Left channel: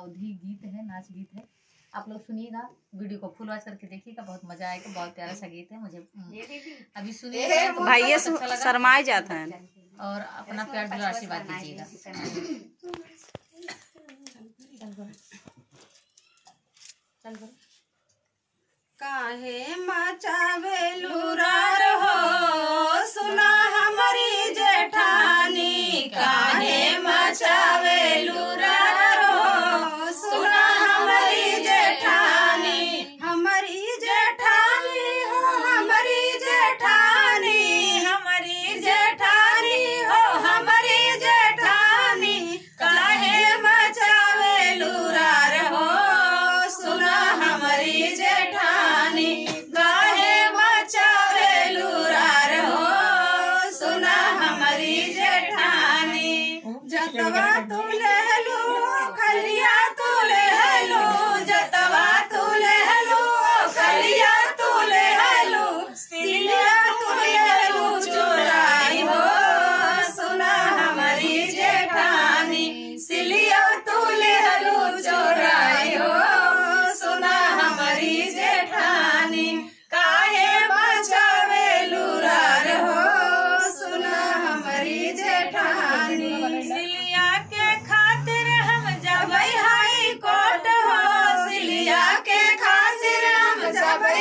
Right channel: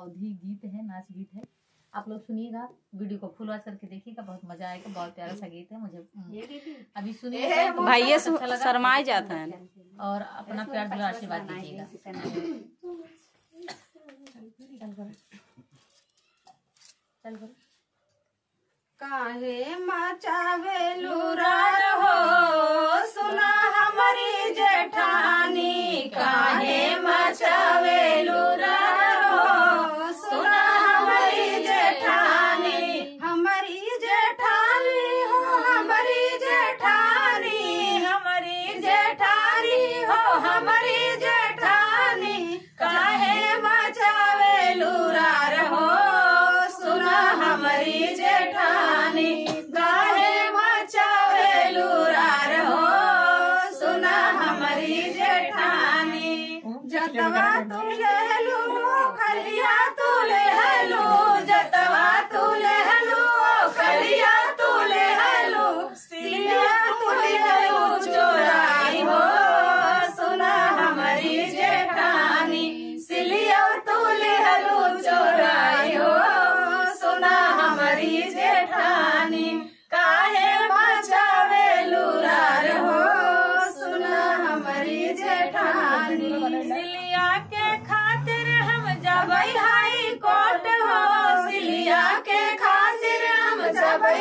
अवधी गीत है, नाच गीत है। आप लोग सुनिएगा, वीडियो को फुल वॉच करके देखिएगा, बहुत मजा आएगा। बहुत प्यारा सा गीत है। मुझे अभी सुनिए तो भाई ये शर्माए जाता है और अपना प्यार दुलार आशीर्वाद दीजिएगा। चल करो। काहे मचावे लुरार हो सुना हमारी जेठानी, काहे मचावे लुरार हो सुना हमारी जेठानी, हमारी जेठानी हो हमारी जेठानी, हमारी जेठानी हो हमारी जेठानी, काहे मचावे लुरार हो सुना हमारी जेठानी, काहे मचावे लुरार हो सुना हमारी जेठानी। जतवा तू ले लो खलिया तू ले लो, जतवा तू ले लो खलिया तू ले लो, सिलिया तू ले लो चोराई हो सुना हमारी जेठानी, सिलिया तू ले लो चोराई हो सुना हमारी जेठानी, काहे मचावे लुरार हो सुना हमारी जेठानी। सिलिया के खातिर हम जबै हाई कोर्ट हो, सिलिया के खातिर हम जबै